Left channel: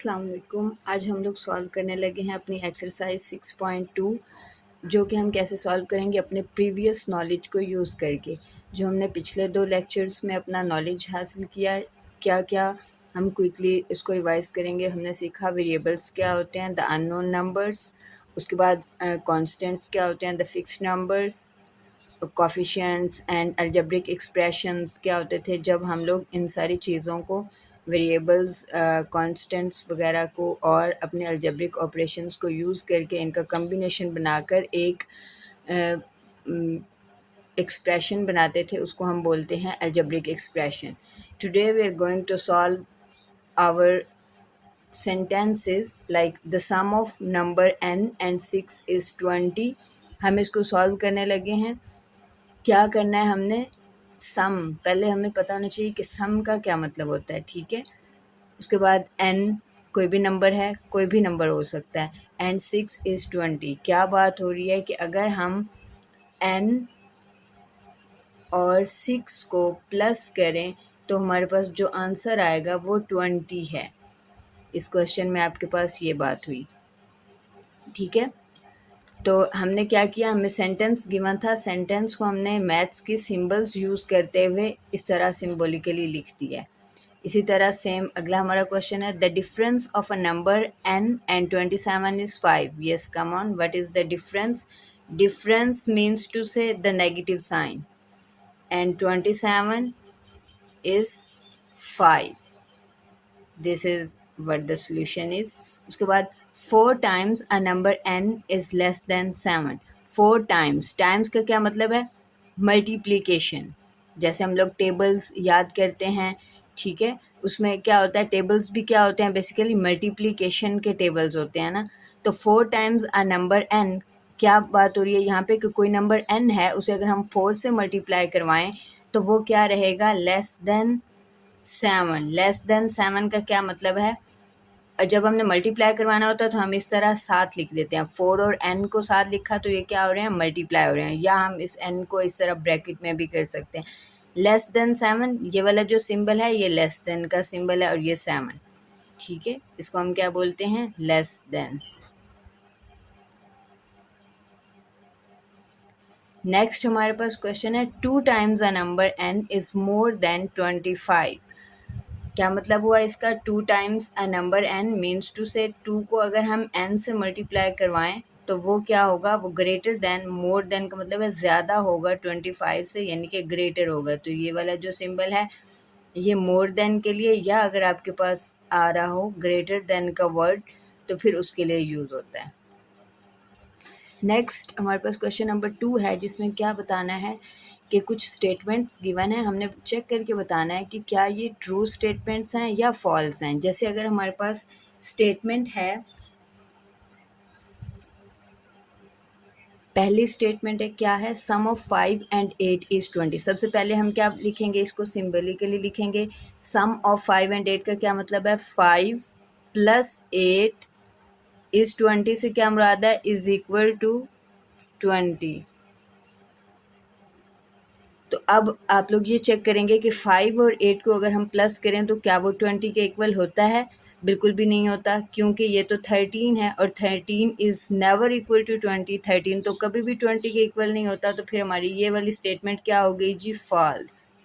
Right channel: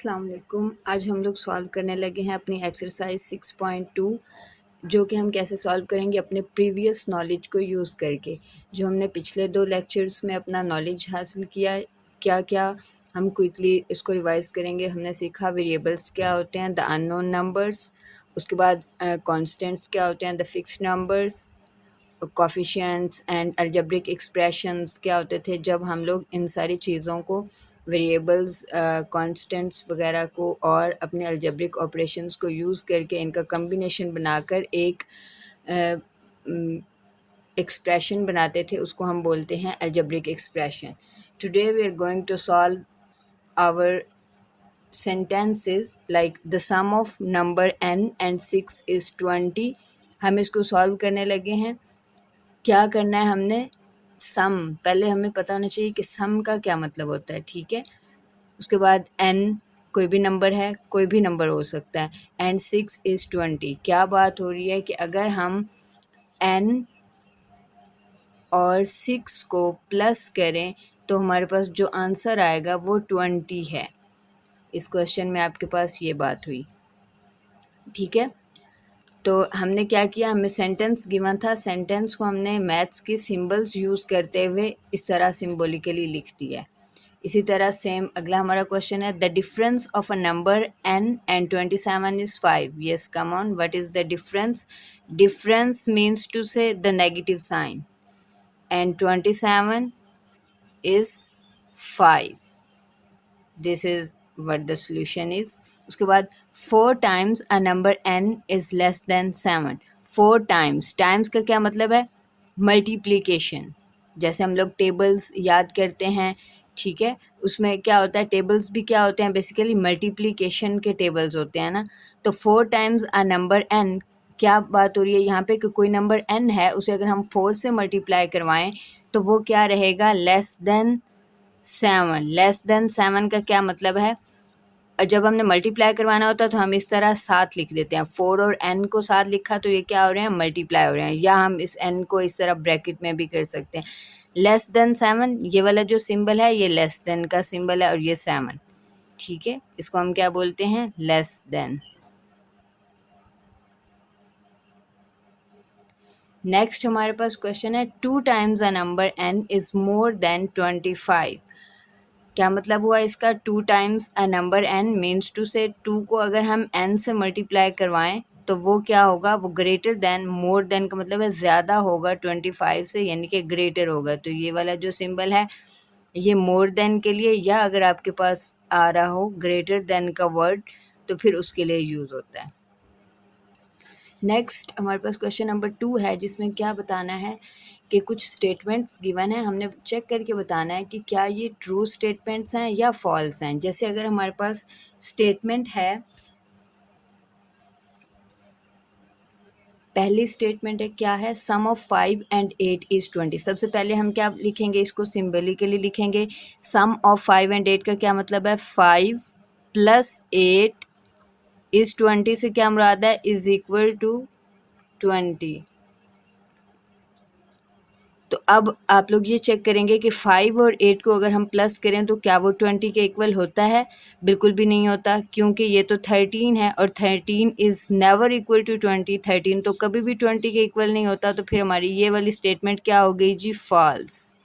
अस्सलाम वालेकुम। आज हम लोग सॉल्व करने लगे हैं अपनी एक्सरसाइज 6.2, जो कि हम कैसे सॉल्व करेंगे अपने प्रीवियस नॉलेज को यूज़ करके। जो हमने पिछले 2 लेक्चर्स में अपना नॉलेज हासिल किया है, क्या-क्या हम क्विकली इसको रिवाइज़ करेंगे। हमने सीखा वेरिएबल्स क्या होते हैं, द अननोन नंबर्स, उसके बाद कॉन्स्टेंट्स क्या होते हैं, the fixed numbers, coefficients and algebraic expressions क्या होते थे जब हम लोग इन सारी चीज़ों को वेरिएबल्स, कांस्टेंट्स वगैरह को और अपने अलजेब्रिक ऑपरेशंस को यूज़ करके इनका कॉम्बिनेशन बनाकर एक एक्सप्रेशन बनाते थे, उसको हम बोलते हैं algebraic expression. Today we are going to solve our sentences like the sum of number n and 6 is 20। हम इसको सॉल्व करने लगे हैं। क्या करना है हमने, सम, पहले हमें पता होना चाहिए कि सम का क्या मतलब होता है, ठीक है। उसके बाद n कोई भी नंबर है, कोई भी नंबर हो सकता है, एंड 6 इज़ 20। क्या बात हो रही है कि अगर हम n और 6 को प्लस करें तो हमारे पास जो आंसर आएगा वो 20 है। इस क्वेश्चन में आपके पास ये बात हुई, ठीक है। तो हमने क्या किया, हमें सेंटेंस गिवन था, सेंटेंस को हमने मैथ्स की सिंबल्स यूज़ करते हुए इस तरह सिम्बोलिकली लिख दिया है। इसी तरह सेम अगला हमारा क्वेश्चन है, the difference of a number n and 27 is 5। Yes, come on, what is the difference? Difference means to say the negative sign, and 27 is 5। This is what the solution is. उसके बाद 4 times a number n is less than 7। 4 times, times का क्या मतलब है, multiplication. जैसे हम लोग tables याद करते हैं, ठीक है, उसमें क्या होता है, टेबल्स भी क्या होते हैं, बेसिकली मल्टीप्लीकेशन के टेबल्स होते हैं ना। तो 4 टाइम्स अ नंबर n, क्या बात हो रही है यहाँ पे कि कोई नंबर n है, उसे अगर हम 4 से मल्टीप्लाई करवाएं तो वो क्या रहेगा, लेस देन 7। लेस देन 7 का क्या मतलब है, जब हमने मल्टीप्लाई करवाना होता है तो हम इस तरह 7 लिख देते हैं। 4 और n को 7 लिखा तो ये क्या हो रहे हैं, मल्टीप्लाई हो रहे हैं। या हम इस n को इस तरह ब्रैकेट में भी कर सकते हैं। लेस देन 7, ये वाला जो सिंबल है ये लेस देन का सिंबल है और ये 7, ठीक है। इसको हम क्या बोलते हैं, लेस देन। नेक्स्ट हमारे पास क्वेश्चन है, 2 times a number n is more than 25। क्या मतलब हुआ इसका, 2 times a number n means to से 2 को अगर हम n से मल्टीप्लाई करवाएं तो वो क्या होगा, वो ग्रेटर देन, मोर देन का मतलब है ज़्यादा होगा 25 से, यानी कि ग्रेटर होगा। तो ये वाला जो सिंबल है ये मोर देन के लिए, या अगर आपके पास आ रहा हो ग्रेटर देन का वर्ड तो फिर उसके लिए यूज़ होता है। नेक्स्ट हमारे पास क्वेश्चन नंबर 2 है, जिसमें क्या बताना है कि कुछ स्टेटमेंट्स गिवन है, हमने चेक करके बताना है कि क्या ये ट्रू स्टेटमेंट्स हैं या फॉल्स हैं। जैसे अगर हमारे पास स्टेटमेंट है, पहली स्टेटमेंट है, क्या है, सम ऑफ 5 एंड 8 इज 20। सबसे पहले हम क्या लिखेंगे, इसको सिम्बलिकली लिखेंगे। सम ऑफ 5 एंड 8 का क्या मतलब है, 5 प्लस 8 इज 20 से क्या मुराद है, इज इक्वल टू 20। तो अब आप लोग ये चेक करेंगे कि 5 और 8 को अगर हम प्लस करें तो क्या वो 20 के इक्वल होता है, बिल्कुल भी नहीं होता, क्योंकि ये तो 13 है और 13 इज़ नेवर इक्वल टू 20। 13 तो कभी भी 20 के इक्वल नहीं होता। तो फिर हमारी ये वाली स्टेटमेंट क्या हो गई जी, false.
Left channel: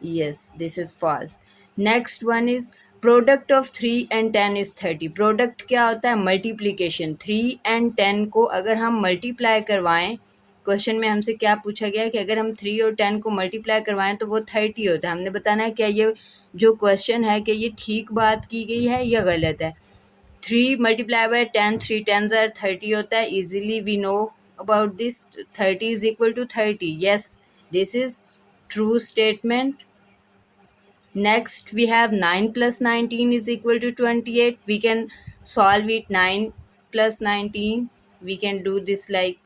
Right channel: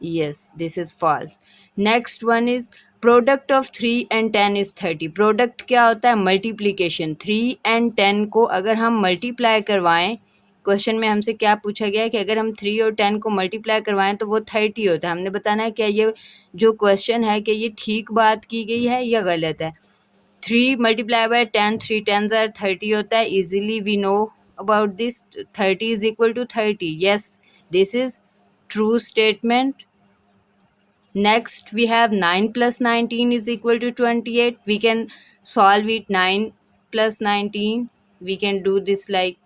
Yes, this is false. Next one is, product of 3 and 10 is 30। Product क्या होता है, मल्टीप्लीकेशन। 3 एंड 10 को अगर हम मल्टीप्लाई करवाएं, क्वेश्चन में हमसे क्या पूछा गया है कि अगर हम 3 और 10 को मल्टीप्लाई करवाएं तो वो 30 होता है। हमने बताना है क्या ये जो क्वेश्चन है कि ये ठीक बात की गई है या गलत है। 3 मल्टीप्लाई बाय 10, 3 टेन्स आर 30 होता है। Easily we know about this, 30 is equal to 30। Yes, this is true statement. Next, we have 9 plus 19 is equal to 28. We can solve it, 9 plus 19. We can do this like,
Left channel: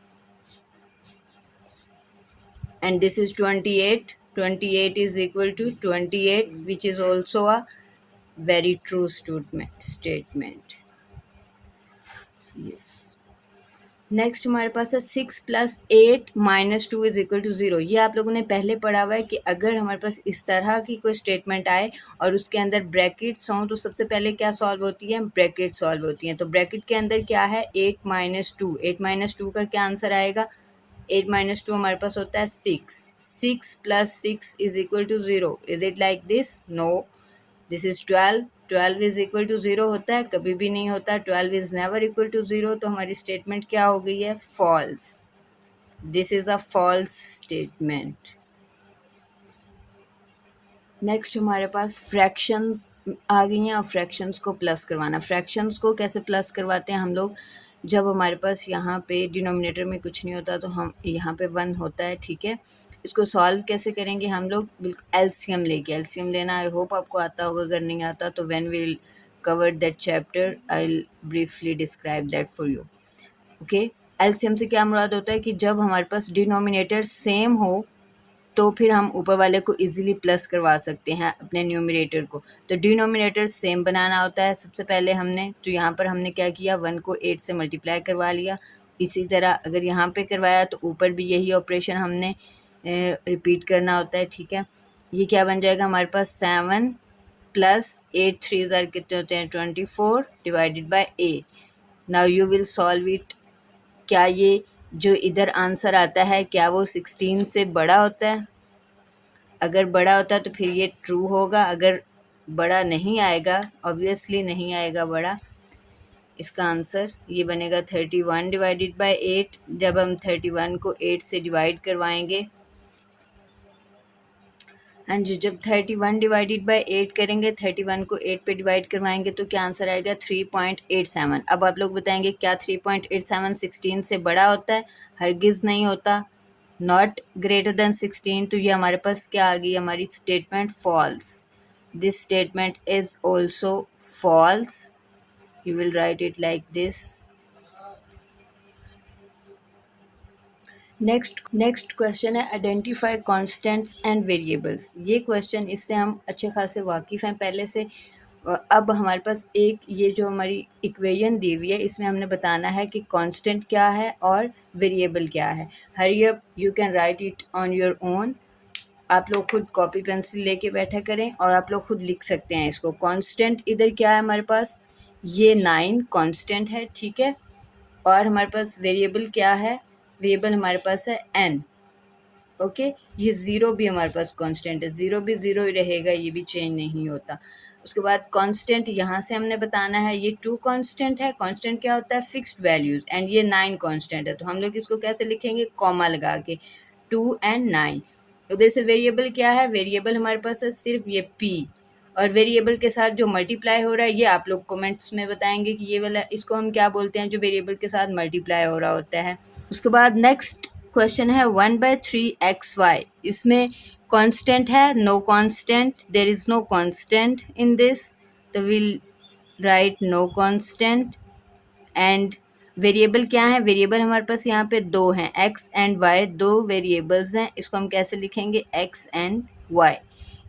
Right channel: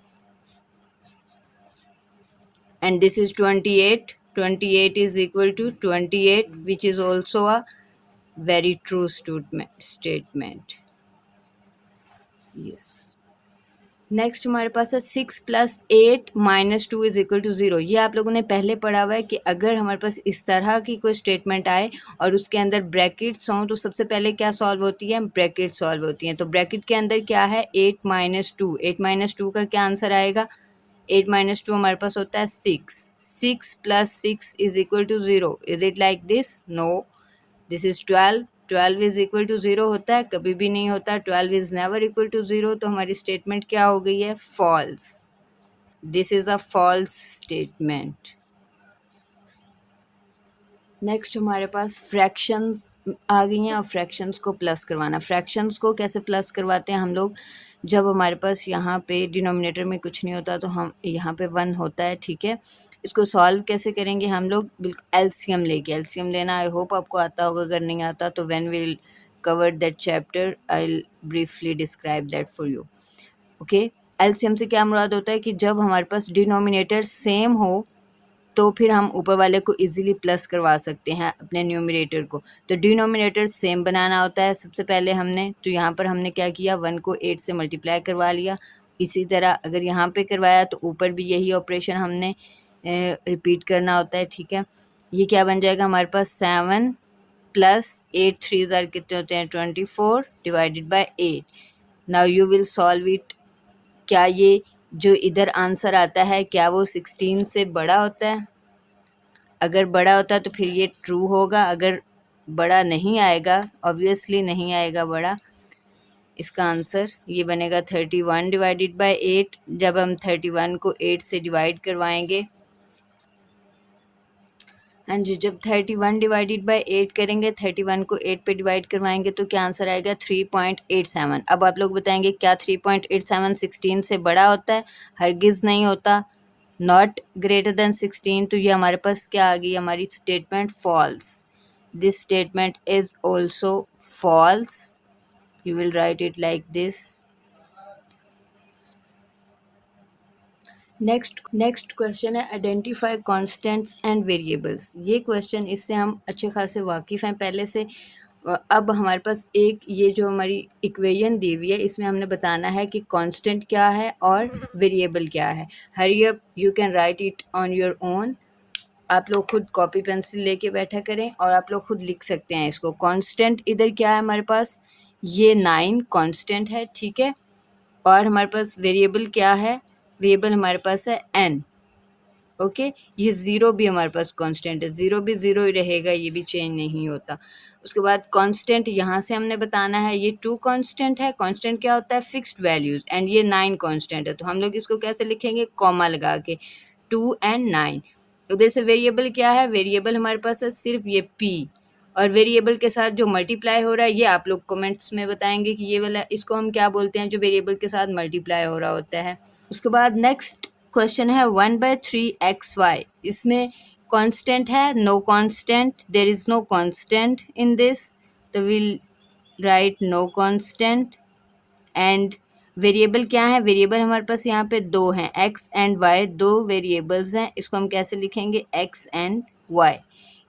and this is 28. 28 is equal to 28, which is also a very true statement. Yes. Next हमारे पास है 6+8 - 2 = 0। ये आप लोगों ने पहले पढ़ा हुआ है कि अगर हमारे पास इस तरह की कोई स्टेटमेंट आए और उसके अंदर ब्रैकेट्स हों तो सबसे पहले क्या सॉल्व होती है, ब्रैकेट सॉल्व होती हैं। तो ब्रैकेट के अंदर क्या है, 8 - 2, 8 - 2 का क्या आंसर आएगा, 8 - 2 हमारे पास होता है 6, 6 + 6 = 0। Is it like this? No, this is 12, 12 = 0 होता है, कभी भी नहीं होता, 12 इज नेवर इक्वल टू 0। तो हमारी स्टेटमेंट क्या हो गई है, false. This is a false statement. Next हमारे पास फ्रैक्शंस आ गई हैं और फ्रैक्शंस को प्लस करवाना। फ्रैक्शंस को कैसे प्लस करवाते हैं हम लोग, जब हमारे पास यहाँ पे डिनोमिनेटर में कुछ नहीं होता तो हम यहाँ पे 1 होता है, ठीक है। इसको सॉल्व कैसे करेंगे हम लोग, बिल्कुल एलसीएम लेके, एलसीएम लेना आई होप आपको आता होगा, अगर नहीं आता तो when we will cover that chapter I will briefly describe that for you. Okay, LCM से क्या मुराद होता है कि जब हमारे पास डिनोमिनेटर सेम हो तो फिर हम ऊपर वाले को इजीली प्लस करवा सकते हैं अपने न्यूमरेटर को। तो डिनोमिनेटर सेम बनाना होता है सबसे पहले हमने, तो यहाँ पर हमने क्या किया, 1 को 8 से मल्टीप्लाई करवा लिया। इसी तरह अगर यहाँ पे करवाया तो ऊपर भी यही ऑपरेशन हमने रिपीट करना होता है, ठीक है। ये क्या बन जाएगा हमारे पास, 7 + 8 3 कितने होते हैं, 24 /8। Now you will solve it. क्या ये जो इधर आंसर आता है क्या वो 16 से बड़ा होता है? अगर बड़ा होता है तो फिर ये ट्रू होगा, अगर बड़ा नहीं आएगा, ऑब्वियसली नहीं आएगा बड़ा, इसका आंसर ये बनेगा 31/8। जब हम 31 को 8 से डिवाइड करवाएंगे, हाँ जी, जब 31/8 करेंगे, 31 को 8 पे डिवाइड करवाएंगे तो क्या आंसर आएगा, 3.87। अब आप लोग बताएंगे क्या 3.87 16 से बड़ा होता है? हरगिज़ नहीं होता, नॉट ग्रेटर देन 16। तो ये हमारे पास क्या आ गई, हमारी statement false. This statement is also false. You will write it like this. Next question है आइडेंटिफाई कॉन्स्टेंट्स एंड वेरिएबल्स। ये क्वेश्चन, इससे हम अच्छे खासे वाकिफ़ हैं पहले से। अब हमारे पास एक ये जो हमारी इक्वेशन दी हुई है, इसमें हमने बताना है कि कांस्टेंट क्या है और वेरिएबल क्या है। Hurry up, you can write it on your own. आप लोग खुद कॉपी पेंसिल लेके बैठा करें और आप लोग खुद लिख सकते हैं इसको। कांस्टेंट इधर क्या है हमारे पास, ये 9 कांस्टेंट है, ठीक है। और हमारे पास वेरिएबल क्या है, वेरिएबल हमारे पास है n। ओके, ये 0 भी हमारे पास कांस्टेंट है, 0 भी 0 ही रहेगा, ये भी चेंज नहीं होता। उसके बाद कांस्टेंट यहाँ से हमने बताना है, ये 2 कांस्टेंट है। कांस्टेंट क्या होता है, फिक्स्ड वैल्यूज, एंड ये 9 कांस्टेंट है। तो हम लोग इसको कैसे लिखेंगे, कॉमा लगा के, 2 और 9। तो जैसे वेरिएबल क्या है, वेरिएबल हमारे पास है सिर्फ ये p, और वेरिएबल के साथ जो मल्टीप्लाई हो रहा है, ये आप लोग कमेंट्स में बताएंगे कि ये वाला, इसको हम क्या बोलते हैं जो वेरिएबल के साथ मल्टीप्लाई हो रहा होता है। उसके बाद नेक्स्ट क्वेश्चन है 1/3xy। इसमें कांस्टेंट है, no constant, there is no constant in this, तो will write no constant. And variable क्या है, वेरिएबल हमारे पास यहाँ पे दो हैं, x एंड y, दो वेरिएबल्स हैं। इसको हम कैसे लिखेंगे, x एंड y।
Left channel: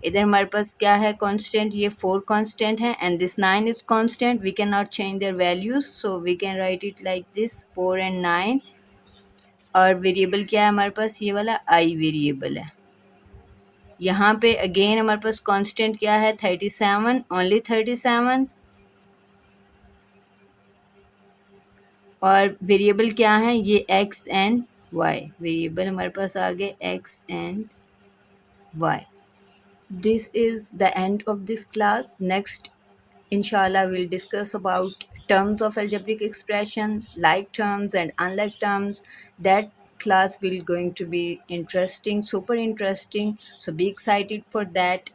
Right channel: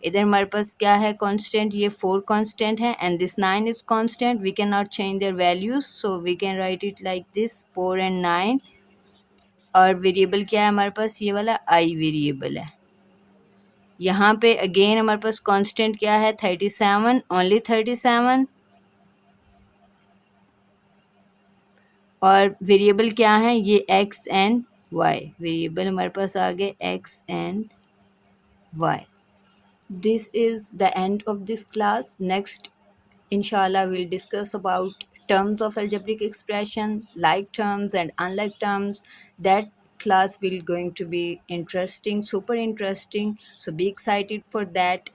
इधर हमारे पास क्या है कांस्टेंट, ये 4 कांस्टेंट है, and this 9 is constant, we can not change their values, so we can write it like this, 4 and 9। और वेरिएबल क्या है हमारे पास, ये वाला आई वेरिएबल है। यहाँ पे अगेन हमारे पास कांस्टेंट क्या है, 37, ओनली 37। और वेरिएबल क्या है, ये x एंड y, वेरिएबल हमारे पास आ गए x and y। This is the end of this class. Next inshallah we'll discuss about terms of algebraic expression, like terms and unlike terms. That class will going to be interesting, super interesting, so be excited for that.